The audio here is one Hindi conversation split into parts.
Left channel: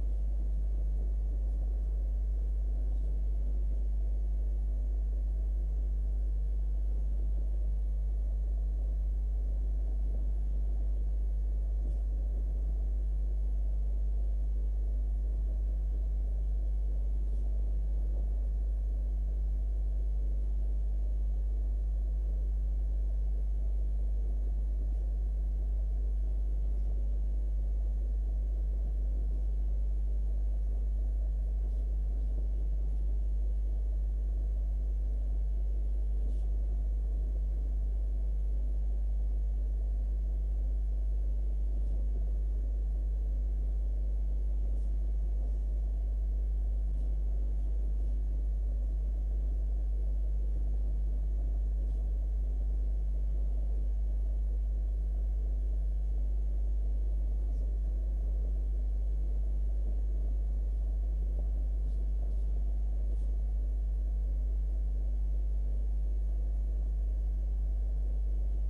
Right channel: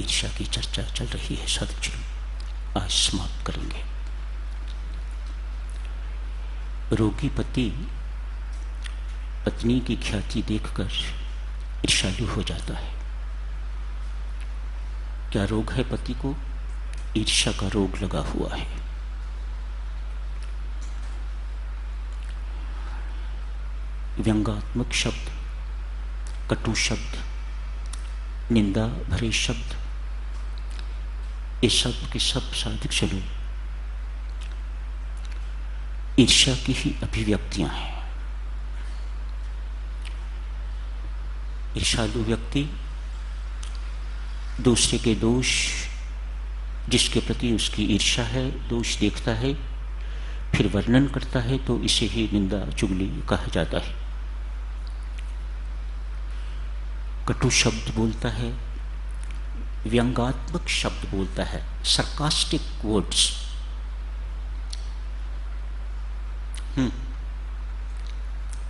ईर्ष्या की चर्चा चल रही है साधुजनों, आज समाप्त करेंगे। रोगी पति पत्नी की ख्याति देखकर ईर्ष्यालु हो जाता है। क्या रोग है पति को? ईर्ष्या का रोग लगा हुआ है। व्यंग्यात्मक शब्द, कटु शब्द, निंदा भरे शब्द, ये सब के सब साधक चलो ईर्ष्या की ही अभिव्यक्तियां हैं। ईर्ष्यालु व्यक्ति दूसरे के दोष, जिसके प्रति उसकी ईर्ष्या है, दोष देखता है, फिर वर्णन करता है, तो इसे ही निंदा चुगली कहा जाता है। कटु शब्द बोलता है, व्यंग्यात्मक शब्द बोलता है, सरकास्टिक वर्ड्स।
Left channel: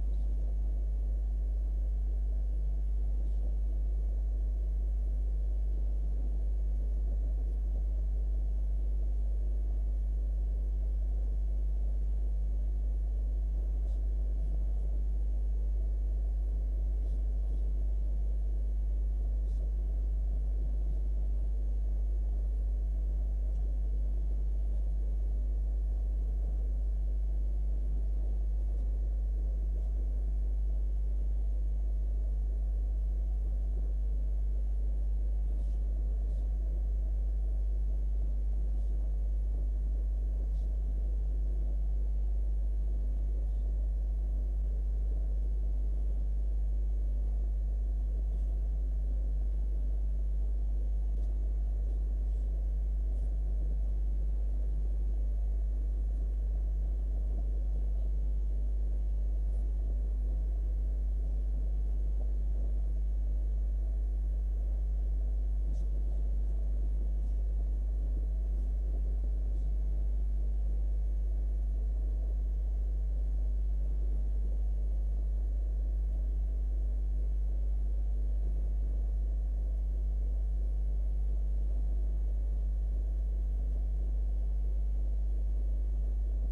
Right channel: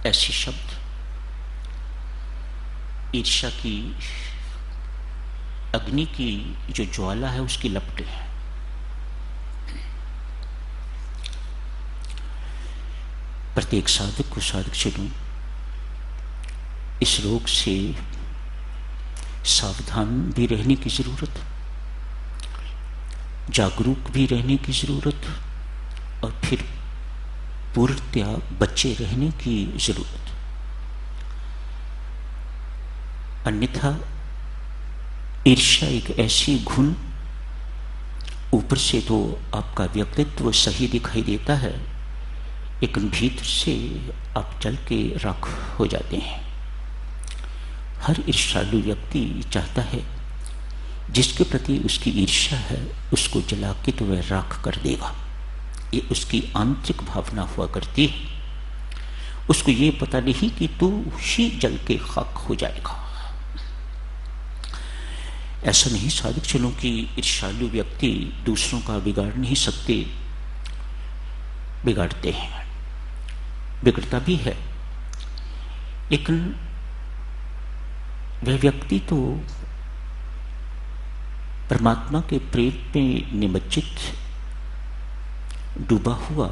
ऐसे शब्द ईर्ष्या की अग्नि की जो ज्वाला है उसकी लपटें हैं। प्रत्येक साधक को साधक चलूं इस रोग से सावधान भी रहने की जरूरत, जागरूक भी रहने की जरूरत, और फिर पूर्णतया बचे रहने की जरूरत। अन्यथा ईर्ष्या एक ऐसी घुन, ऊपर से तो आपका व्यक्तित्व सही दिखाई देता है, लेकिन भीतर से आप जल के राख हो जाते हैं। हर ईर्ष्यालु व्यक्ति चाहता है जिसके प्रति उसकी ईर्ष्या है उसको जला के तो वह राख कर देगा। ये उसकी आंतरिक भावना हुआ करती है। उसको ये पता नहीं कि तू ही जल के खाक हो जाएगा। ऐसा नहीं साधक चलो कि ईर्ष्यालु व्यक्ति दूसरों का बिगाड़ नहीं सकते, बिगाड़ते हैं, बिगड़ता भी है, लेकिन वह व्यक्ति तो परमात्मा के प्रेम में निमज्जित डूबा हुआ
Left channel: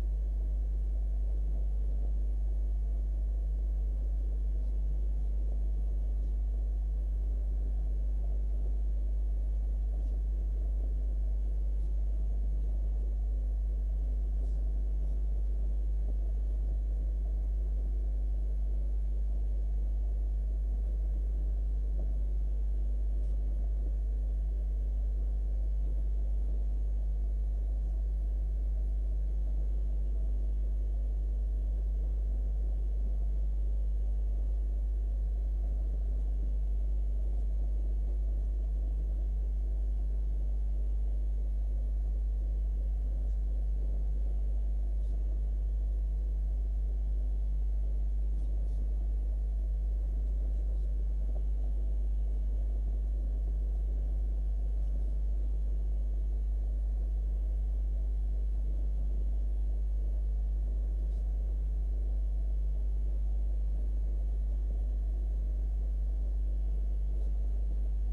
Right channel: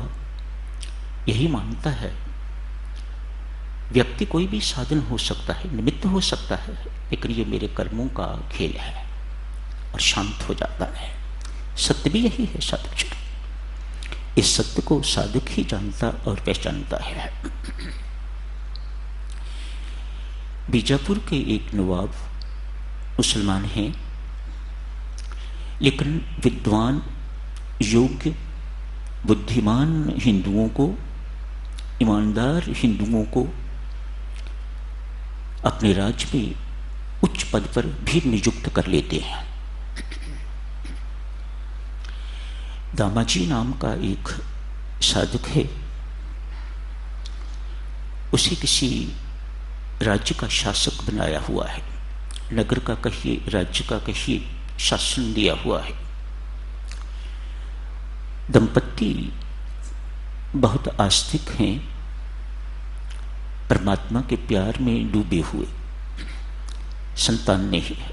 यही मानता है। व्यक्ति कोई भी साधन हो सकता है, निमित्त हो सकता है, लेकिन ये मेरे कर्मों का खेल है, और शांत हो जाता है। सत्य भी यही है साधक चलो, इस सत्य को साधक ही जानता और पहचानता है। बीजापुर के एक नवाब मुसलमान हैं, लेकिन विद्वान, योग्य, बुद्धिमान हिंदुओं को, ईमानदार हिंदुओं को अपने राज्य में उच्च पद पर भी नियुक्त कर लेते हैं। दामाजी नाम का एक साधक है, उसे किसी राज्य का शासक बनाया हुआ है, नगर का कहिए, राज्य का कहिए, शासन दिया हुआ है। दंपति बहुत आस्तिक हैं, परमात्मा के प्यार में डूबे हुए, संतान नहीं है।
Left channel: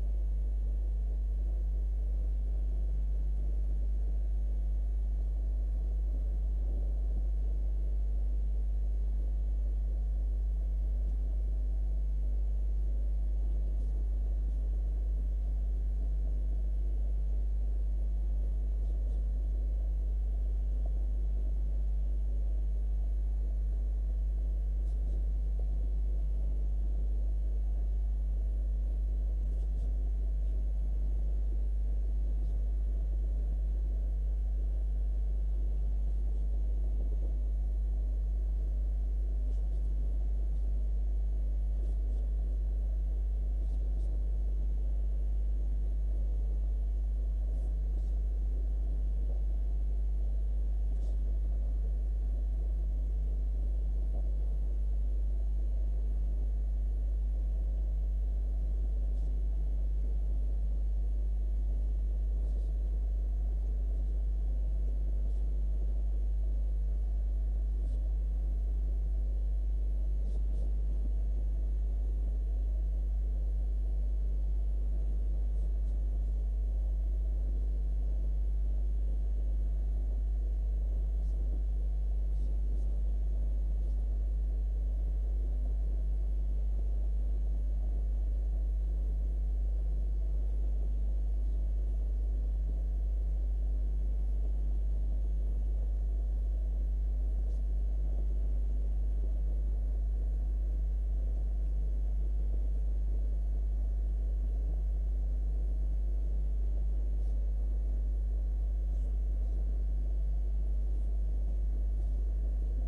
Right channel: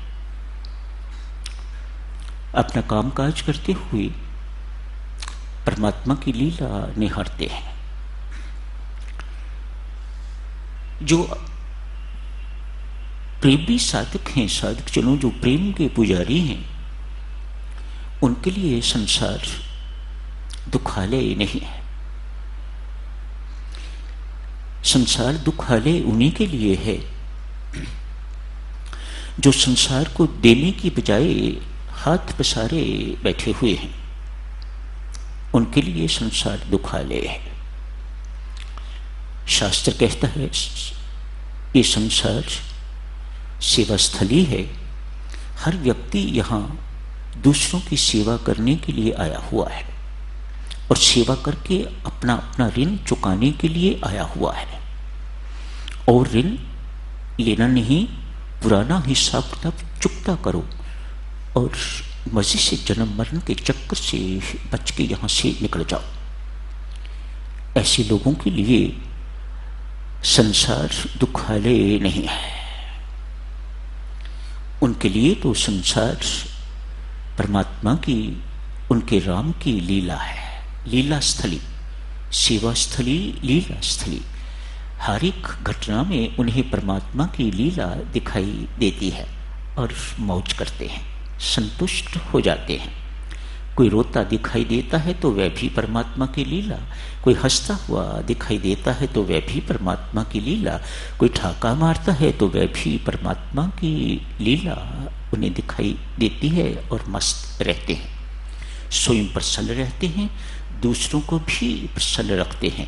अपना कामकाज करते हुए परमात्मा की लीला निहारते हैं। जो प्रेमी साधक हैं, साधक जनों जो प्रेम के पुजारी हैं, उनके लिए संसार दुखालय नहीं है। संसार दुखालय उन्हीं के लिए है जो संसार को देने की बजाय हाथ पसारे बैठे हुए हैं। उनके लिए संसार दुखालय है। शास्त्र कहता है ये संसार सेवा स्थली है। हर व्यक्ति यहाँ दूसरों की सेवा करने के लिए आया हुआ है और सेवा करके अपना अपना ऋण चुकाने के लिए आया हुआ है। और ऋण लेना नहीं, पुराना हिसाब किताब चुकता करो और मजे से जन्म मरण के चक्कर से बच के यहाँ से निकल जाओ। ऐसे लोगों के लिए संसार दुखालय नहीं है। उनके लिए तो संसार परमात्मा की, उनके राम की लीला है, लीला स्थली, सेवा स्थली, लीला स्थली। हर एक घटना में उन्हें परमात्मा की लीला दिखाई देती है और मौज करते हैं, संतुष्ट हो जाते हैं। कोई रोता दिखाई देता है तो वह भी परमात्मा की लीला, कोई हंसता हुआ दिखाई देता है तो वह भी परमात्मा की लीला, कोई ठाका मारता है तो वह भी परमात्मा की लीला उन्हें दिखाई देती है और मस्त रहते हैं। स्वयं प्रसन्न रहते हैं, दूसरों को भी प्रसन्न रखते हैं,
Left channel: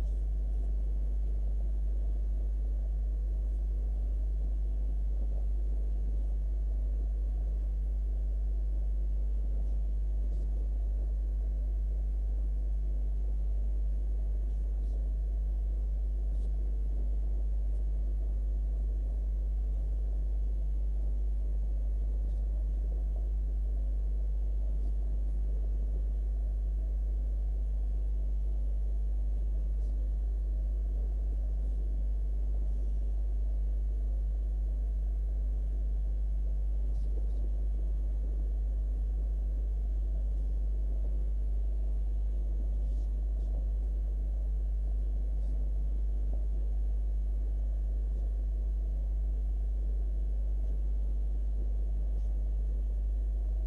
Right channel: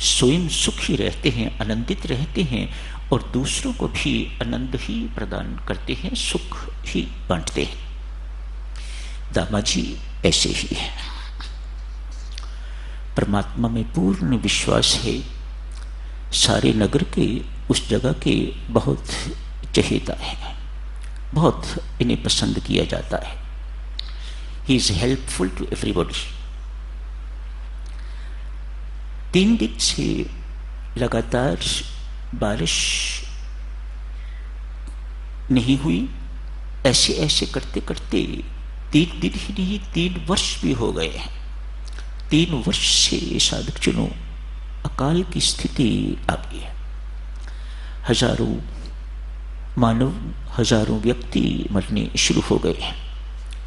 स्वयं सुखी रहते हैं, आनंदित रहते हैं और दूसरों को भी आनंद ही प्रदान करते हैं, सुख ही बांटते हैं। दामाजी ऐसे ही है। परमात्मा में पूर्ण विश्वास है, सारे नगर के, उस जगह के बहुत चहेता है, बहुत इन्हें पसंद किया जाता है। He is helpful to everybody. 3 दिन से लगातार बारिश नहीं हुई। ऐसे ऐसे करते करते 3 दिन ही नहीं 3 वर्ष भी हो गए हैं। 3 वर्ष से साधकजनों अकाल की स्थिति आ गई है। हजारों मानव, हजारों व्यक्ति मरने शुरू हो गए हैं।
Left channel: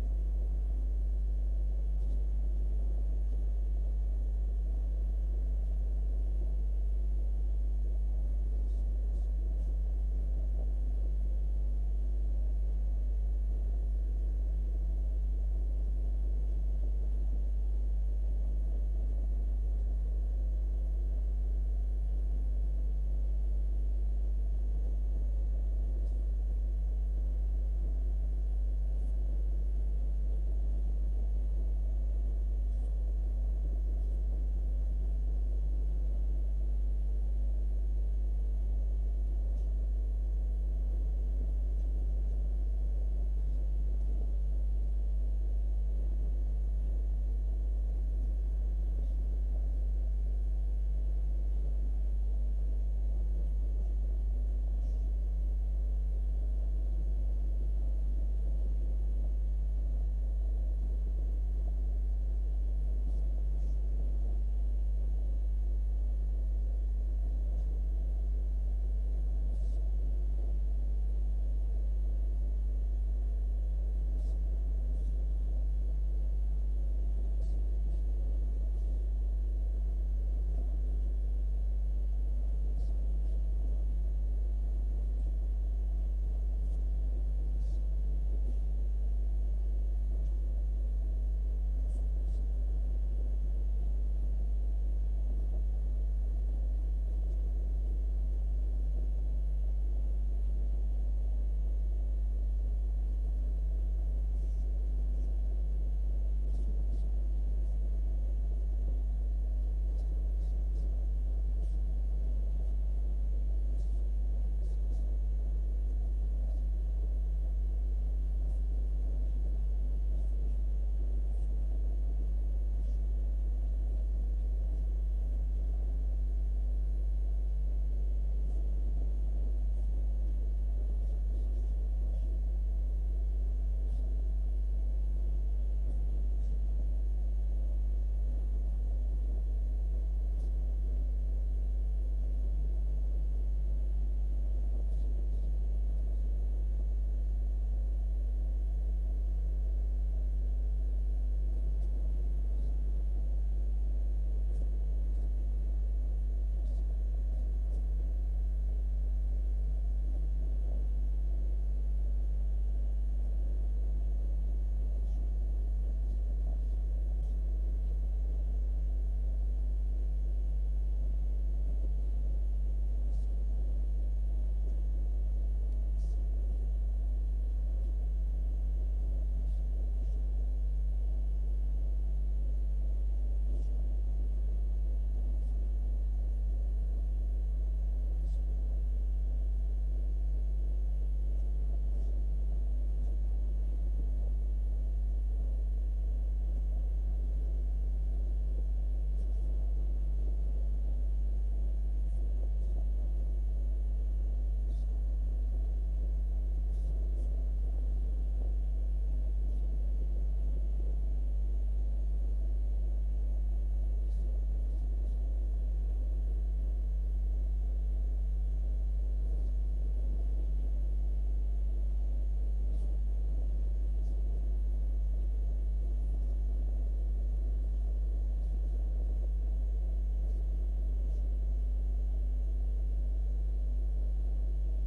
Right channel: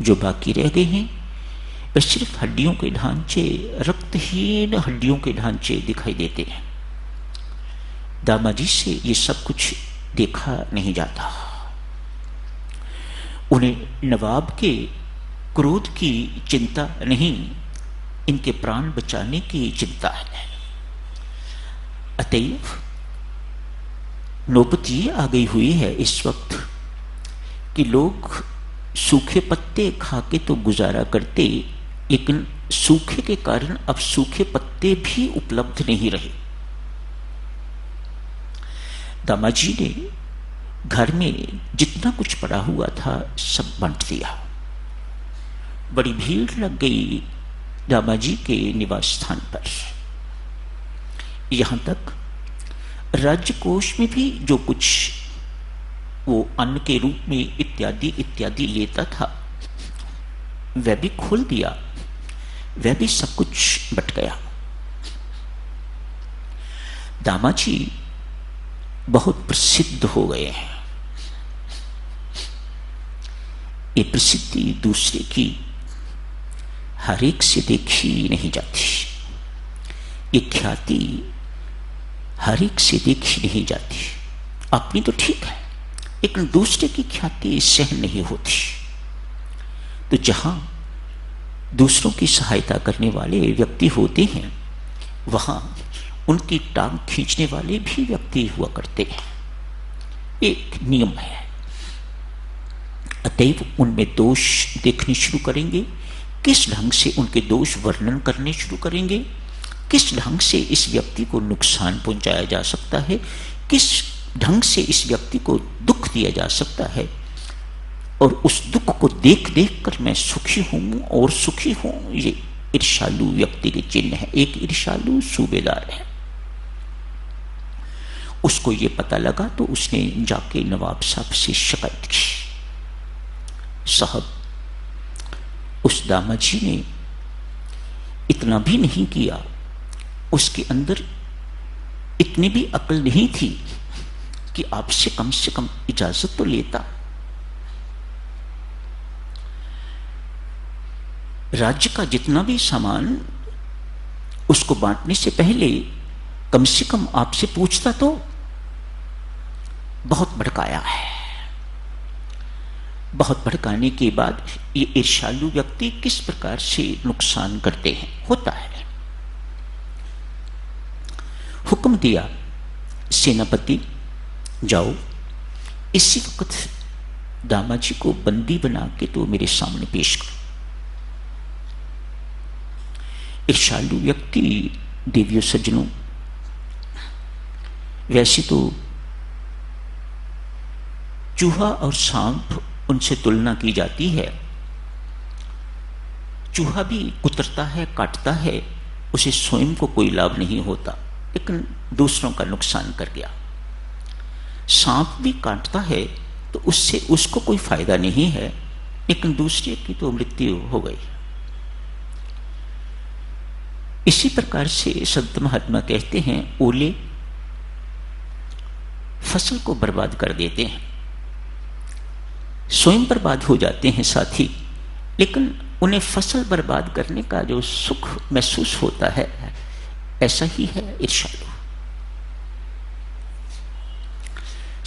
जो बाकी रह गए हैं वे सिर्फ हड्डियों के ढांचे, रक्तहीन हड्डियों के ढांचे दिखाई देते हैं। दामाजी से ये सब कुछ देखा नहीं जाता। उन्हें नवाब के क्रोध की चिंता नहीं, इनके प्राण बचाने की चिंता है। अतएव नौबत ये आ गई हुई है इस वक्त कि लोग सूखे पत्ते खा के तो गुजारा करते, लेकिन सूखे के कारण अब सूखे पत्ते भी उपलब्ध नहीं रहे। दामाजी ने घर में जितना कुछ पड़ा हुआ था सब बांट दिया। बड़ी भीड़ लग गई दामाजी के निवास स्थान पर। यहां तक राज्य कोष में भी जो कुछ वो अन्न के रूप में इत्यादि इत्यादि लेता था वह भी खोल दिया, वह भी सब कुछ बट गया। दामाजी बहुत प्रसिद्ध हो गए हैं। ये प्रसिद्धि दूसरे की हर एक से देखी नहीं जाती, ये ख्याति हर एक से देखी नहीं जाती। अपनी तो ठीक है, लेकिन दूसरे की ख्याति सहन नहीं होती। तो जहां दूसरों की सहायता करने वाले व्यक्ति होते हैं वहां उनकी टांग खींचने वाले भी व्यक्ति हुआ करते हैं। एक नियम है। अतएव उनमें दोष देखने शुरू करेंगे, किस ढंग से उनके दोष वर्णन करने शुरू करेंगे, किस ढंग से इस व्यक्ति को नुकसान पहुंचाया जा सकता है, किस ढंग से इस व्यक्ति को दुख दिया जा सकता है, और उस दुख को देख देख कर मैं सुखी हूं और सुखी हूं। ये ईर्ष्यालु व्यक्ति के चिन्ह है। एक ईर्ष्यालु सूबेदार है, उसको ये पता लगा तो उसने जाके नवाब साहब से शिकायत की। साहब, उस दामाजी ने इतना भी नहीं किया, उसके अंदर इतनी भी अकल नहीं थी कि आपसे कम से कम इजाजत तो लेता। राज्य का जितना भी सामान उसको बांटने से पहले कम से कम आपसे पूछता तो। बहुत भड़काया है। बहुत भड़काने के बाद ये ईर्ष्यालु व्यक्ति किस प्रकार से नुकसान करते हैं, होता है। हुक्म दिया, सेनापति जाओ, इसी वक्त दामाजी को बंदी बना के तो मेरे सामने पेश करो। ईर्ष्यालु व्यक्ति, देवियों सज्जनों, वैसे तो चूहा और सांप उनसे तुलना की जाती है। चूहा भी कुतरता है, काटता है, उसे स्वयं को कोई लाभ नहीं होता, लेकिन दूसरों का नुकसान कर गया। सांप भी काटता है तो उससे उसको कोई फायदा नहीं है, लेकिन दूसरे की तो मृत्यु हो गई। इसी प्रकार से संत महात्मा कहते हैं, ओले फसल को बर्बाद कर देते हैं, स्वयं बर्बाद हो जाते हैं साथी, लेकिन उन्हें फसल बर्बाद करने का जो सुख महसूस होता है, ऐसा ही है ईर्ष्यालु।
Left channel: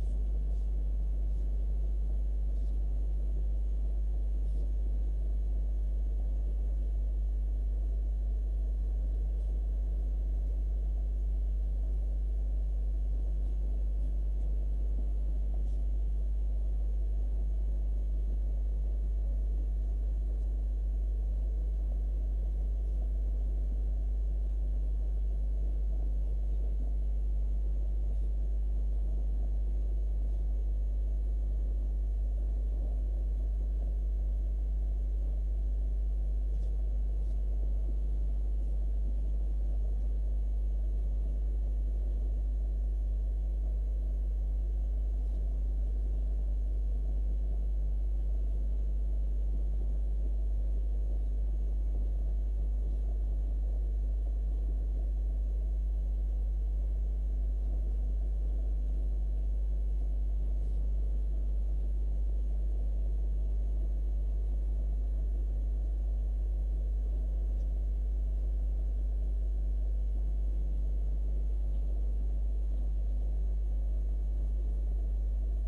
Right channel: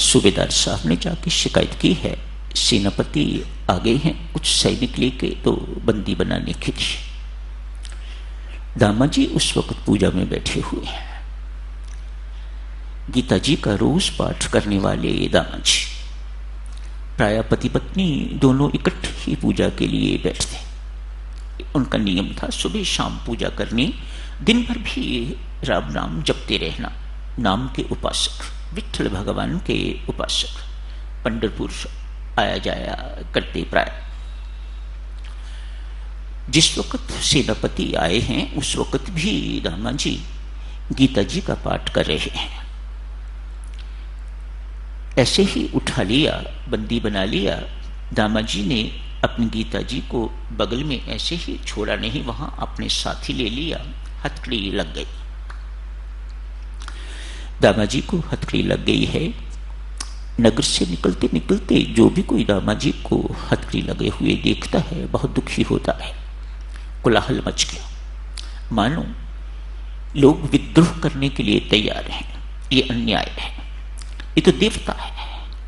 सूबेदार साहब ने जाके शिकायत की है, सेनापति आ गए हैं कुछ सैनिक लेके तो बंदी बनाने के लिए। दामा जी उस वक्त पूजा में बैठे हुए हैं। गीता जी का रोज पाठ करने वाले दामा जी, प्राय पति पत्नी दोनों इकट्ठे ही पूजा के लिए बैठते। उनका नियम था सुबह शाम पूजा करनी, दिन भर भी राम नाम जपते रहना। नाम के उपासक, विठल भगवान के उपासक पंढरपुर आया जाया करते प्राय। जिस वक्त सेनापति आए हैं उस वक्त भी दामा जी गीता जी का पाठ कर रहे हैं। ऐसे ही उठा लिया, बंदी बना लिया। दामा जी ने अपनी गीता जी को बगल में ऐसे ही छोड़ा नहीं, वहां अपने साथी ले लिया। हथकड़ी लग गई, दामा जी को हथकड़ी लग गई है। नगर से निकलते निकलते जो भी कोई दामा जी को हथकड़ी लगे हुए देखता है बहुत दुखी होता है। कोलाहल मच गया, मानो लोग विद्रोह करने के लिए तैयार हैं। ये अन्याय है, ये तो देवता है,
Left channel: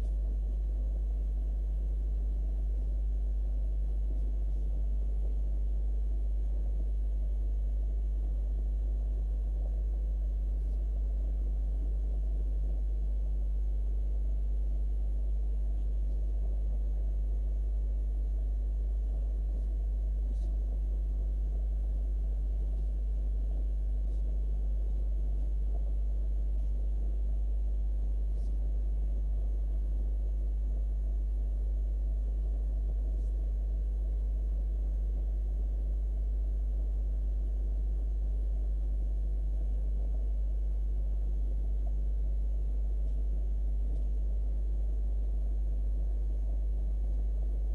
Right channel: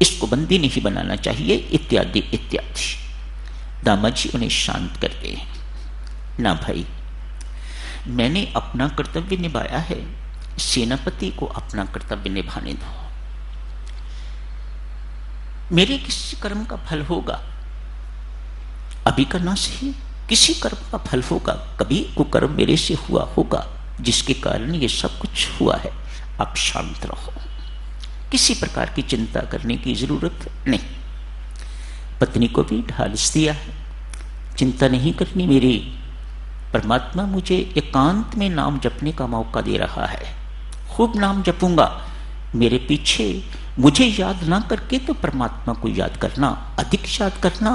इसको बंदी नहीं बनाना चाहिए, इत्यादि इत्यादि। दामा जी उन्हें शांत करते हैं, ना भाई, मैंने अपना कर्तव्य निभाया है, सेनापति को अपना कर्तव्य निभाने दो। मेरे किसी कर्म का फल होगा, अभी करना सही, किसी कर्म का फल होगा, कभी कुकर्म मेरे से हुआ होगा जिसके कारण ये सब कुछ हुआ है। आप शांत रहो, किसी प्रकार की चिंता करने की जरूरत नहीं। पत्नी को भी ढालस दिया है, चिंता नहीं करनी मेरी, परमात्मा मुझे एकांत में नाम जपने का मौका दे रहा है, खूब नाम जपूंगा। मेरे पीछे मुझे याद ना करके तो परमात्मा को याद करना, अधिक याद करना।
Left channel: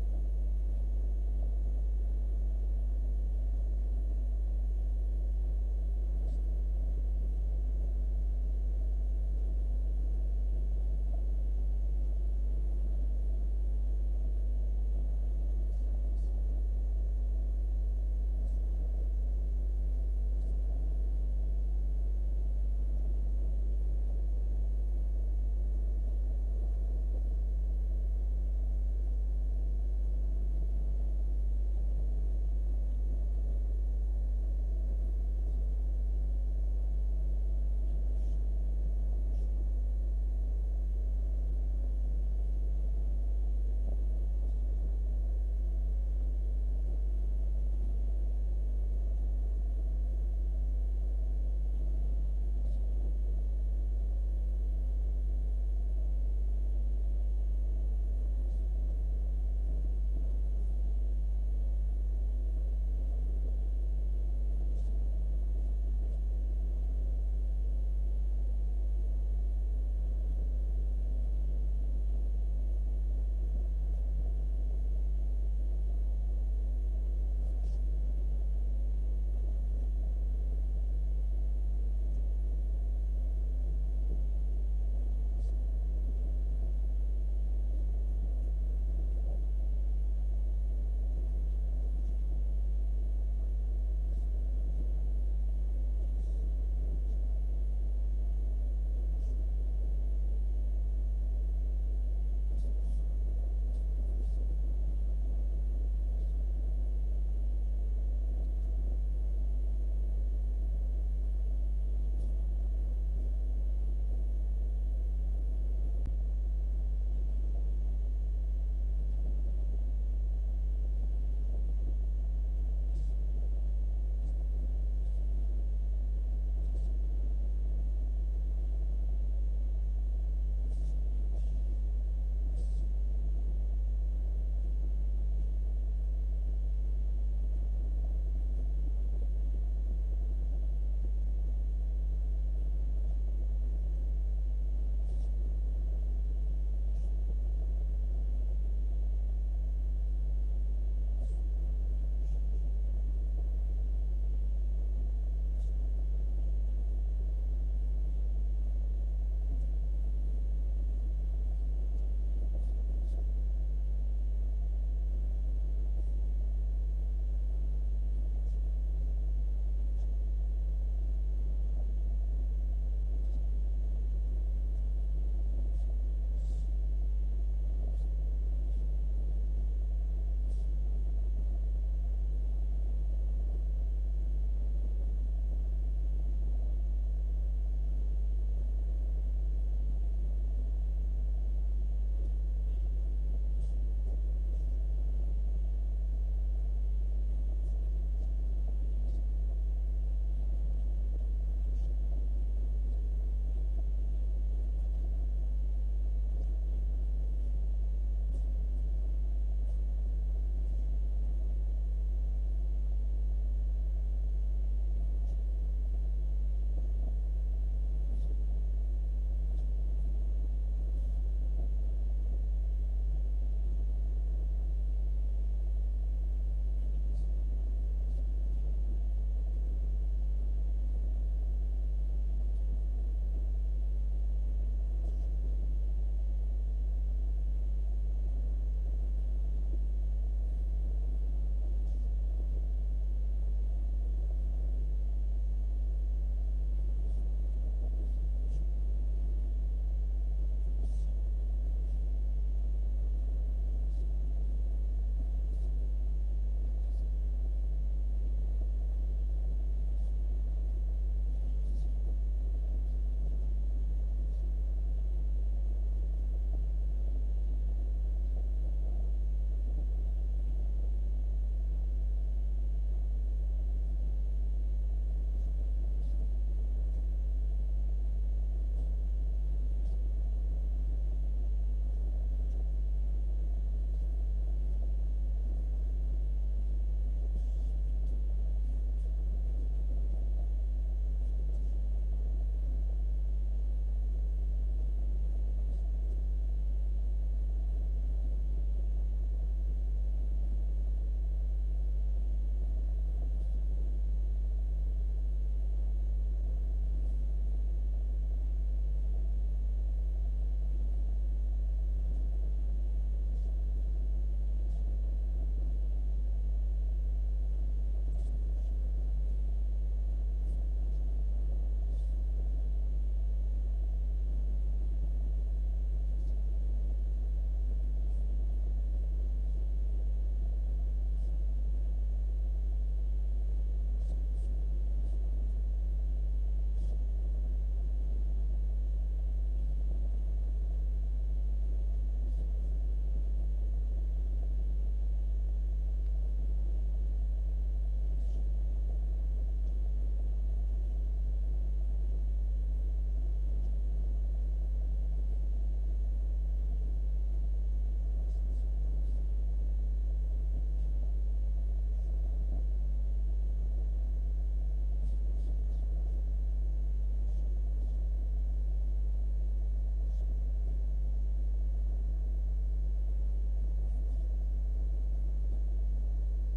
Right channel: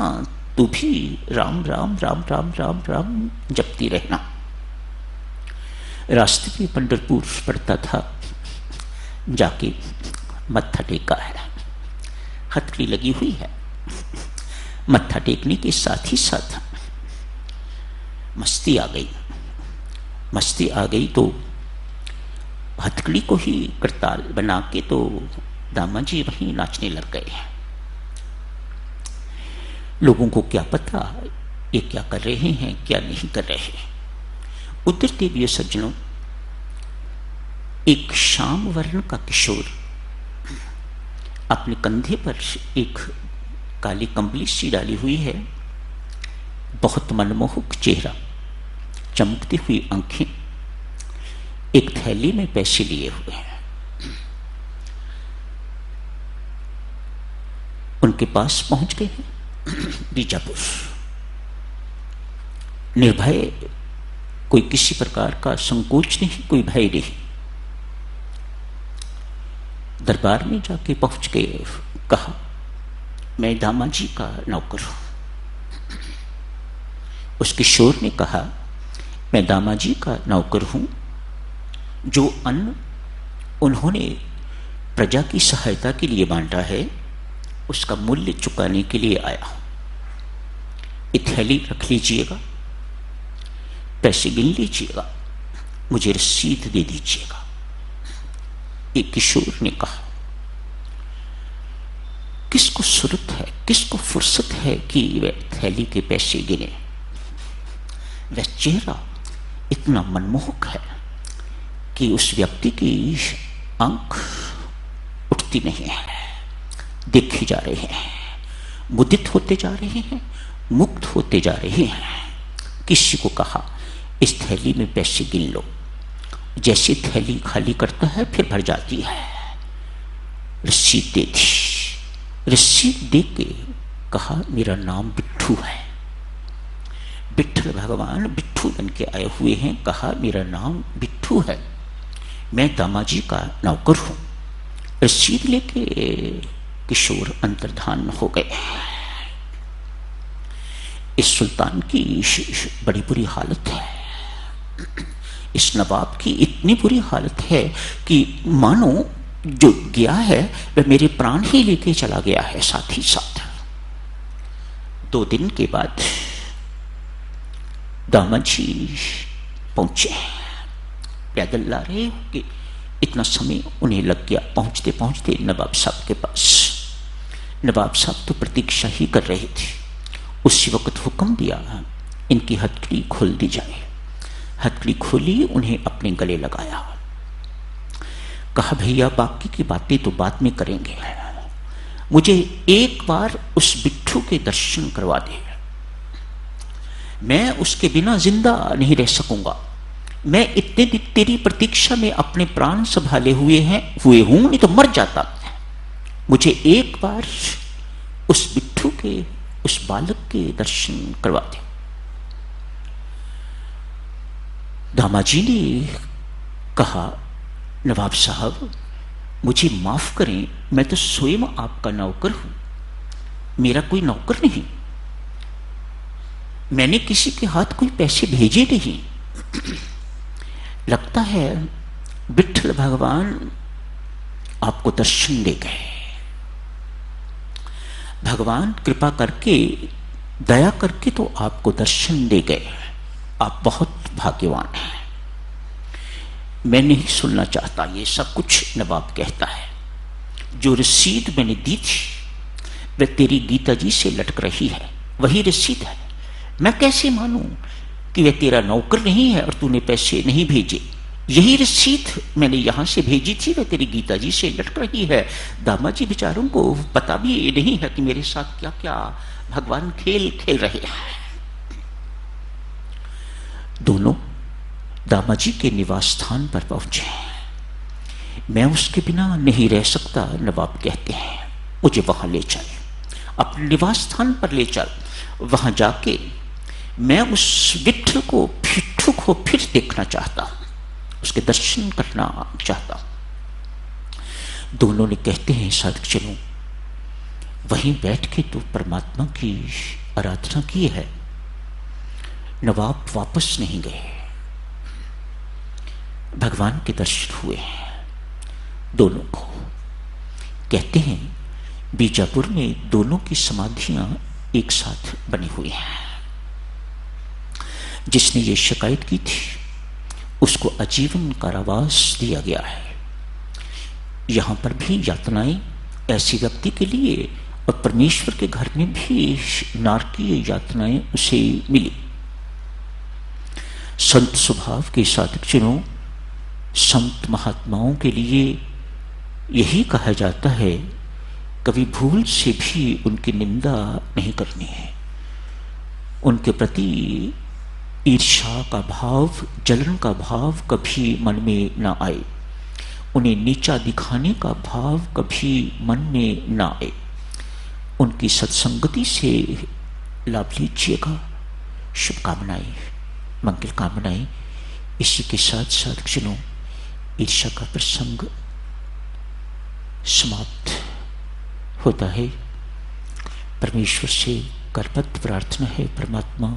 तू भी राम राम राम राम राम राम जपती रहना। रास्ते में पंढरपुर पड़ता था, जाके मत्था टेका है, हथकड़ी लगी हुई है। मत्था टेकने के साथ ही साथ मस्ती आ गई। मस्ती आ गई तो हथकड़ी को ही करताल बना के तो दामा जी वहीं नाचने लग गए हैं। लोगों को क्या पता ये क्या कर रहे हैं, क्या नहीं कर रहे हैं। उधर देवीय सज्जनों, एक श्याम वर्ण का किशोर अपने कंधे पर एक काली कंबली सी डाली हुई है, बहुत मनमोहक चेहरा, चमकती हुई आंखें, एक थैली में पैसे लिए हुए हैं। उनके पास पहुंच गए हैं बीजापुर। निर्भय, कोई किसी प्रकार का संकोच नहीं, कोई भय नहीं। दरबार में जाके पहुंच गए, कहा मैं दामा जी का नौकर हूं। उस किशोर ने कहा मैं दामा जी का नौकर हूं, जो अन्न उन्होंने प्रजा की सहायता के लिए बांटा है उसका मूल्य चुकाने के लिए आया हूं। ये थैली रख लीजिएगा, पैसे गिन लीजिएगा, मुझे रसीद दे दीजिएगा। एक किशोर ने कहा किसको सूरत है, किसको फुर्सत है कि वह थैली के पैसे गिने। वह चेहरा इतना मनमोहक है कि उस व्यक्ति की आंख उठती नहीं है, देखे जा रहे हैं, मुदित होते जा रहे हैं, मुक्त होते जा रहे हैं। किसी को कहा इस थैली में पैसे गिन लो। जैसे थैली खाली करता है फिर भर जाती है। रसीद दे दी। रसीद दे के कहा मेरा नाम बिट्ठू है। विठल भगवान बिट्ठू बन के आए हुए हैं। कहा मेरा नाम बिट्ठू है, मैं दामा जी का नौकर हूं। रसीद लेके किशोर अंतर्धान हो गए। इस सुल्तान की बड़ी बुरी हालत है, इस नवाब की इतनी बुरी हालत है कि मानो जो गया है वह मेरे प्राण ही लेके चला गया है साथ ही साथ। 2 दिन के बाद दामाद जी पहुंचे, पैदल ला रहे कि इतना समय उन्हें लग गया पहुंचते पहुंचते नवाब साहब के पास। नवाब साहब तो प्रतीक्षा ही कर रहे थे। उसी वक्त हुक्म दिया इनकी हथकड़ी खोल दी जाए। हथकड़ी खोली, उन्हें अपने गले लगाया, कहा भैया बाकी की बातें तो बाद में करेंगे, मुझे एक बार उस बिट्ठू के दर्शन करवा दे, मैं उसके बिना जिंदा नहीं रह सकूंगा। मैं इतने दिन तेरी प्रतीक्षा में अपने प्राण संभाले हुए हूं, नहीं तो मर जाता। मुझे एक बार उस बिट्ठू के, उस बालक के दर्शन करवा दे। दामाद जी ने कहा नवाब साहब मुझे माफ करें, मैं तो स्वयं आपका नौकर हूं, मेरा कोई नौकर नहीं, मैंने किसी के हाथ कोई पैसे भेजे नहीं। लगता है विट्ठल भगवान आपको दर्शन दे गए, भगवान कृपा करके दया करके तो आपको दर्शन दे गए, आप बहुत भाग्यवान हैं। मैं नहीं सुनना चाहता ये सब कुछ, नवाब कहता है जो रसीद मैंने दी थी वह तेरी गीता जी से लटक रही है, वही रसीद है। मैं कैसे मानूं कि वह तेरा नौकर नहीं है और तूने पैसे नहीं भेजे। यही रसीद मैंने यहां से भेजी थी, वह तेरी गीता जी से लटक रही है। दामाद जी बेचारों को पता भी नहीं है कि मेरे साथ क्या क्या भगवान खेल खेल रहे हैं। दोनों दामाद जी के निवास स्थान पर पहुंचे। मैं उसके बिना नहीं रह सकता, नवाब कहते हैं, मुझे वहां ले चल, अपने निवास स्थान पर ले चल। वहां जाके मैं उस विट्ठल को, बिट्ठू को फिर देखना चाहता हूं, उसके दर्शन करना चाहता हूं। दोनों ने कहते हैं साधक चलो, वहीं बैठ के तो परमात्मा की आराधना की है। नवाब वापस नहीं गए, भगवान के दर्शन हुए दोनों को। कहते हैं बीजापुर में दोनों की समाधियां एक साथ बनी हुई हैं। जिसने ये शिकायत की थी उसको आजीवन कारावास दिया गया है। यहां पर भी यातनाएं ऐसे व्यक्ति के लिए, और परमेश्वर के घर में भी नारकीय यातनाएं उसे मिली। संत स्वभाव के साधक जनों, संत महात्माओं के लिए यही कहा जाता है कभी भूल से भी उनकी निंदा नहीं करनी है। उनके प्रति ईर्ष्या का भाव, जलन का भाव कभी मन में ना आए, उन्हें नीचा दिखाने का भाव कभी मन में ना आए। उनकी सत्संगति से लाभ लीजिएगा। शुभकामनाएं, मंगल कामनाएं। इसी के साथ साथ जनों, ईर्ष्या का प्रसंग समाप्त होता है। परमेश्वर से करबद्ध प्रार्थना है, परमात्मा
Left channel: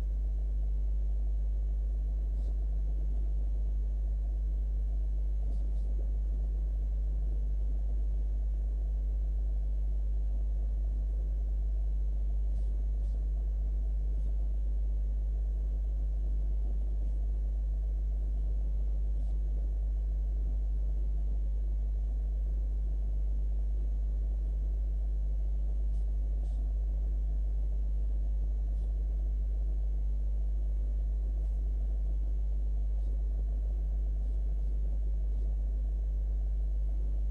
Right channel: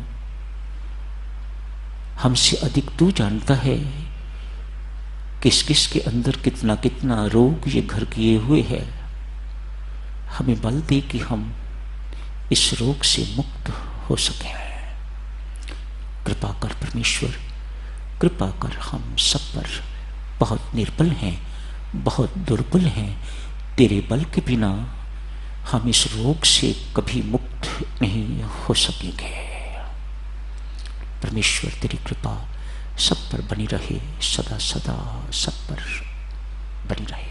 हमसे अधिक तू जानता है किस किस के अंदर कितना कितना रोग ये घर किए हुए है। हमें बल दे कि हम इस रोग से मुक्त हो सके। कृपा कर परमेश्वर, कृपा कर। हम सब पर बहुत निर्बल हैं, बहुत दुर्बल हैं। तेरे बल के बिना हम इस रोग से कभी मुक्त नहीं हो सकेंगे। परमेश्वर तेरी कृपा सब पर बनी रहे, सदा सदा सब पर बनी रहे।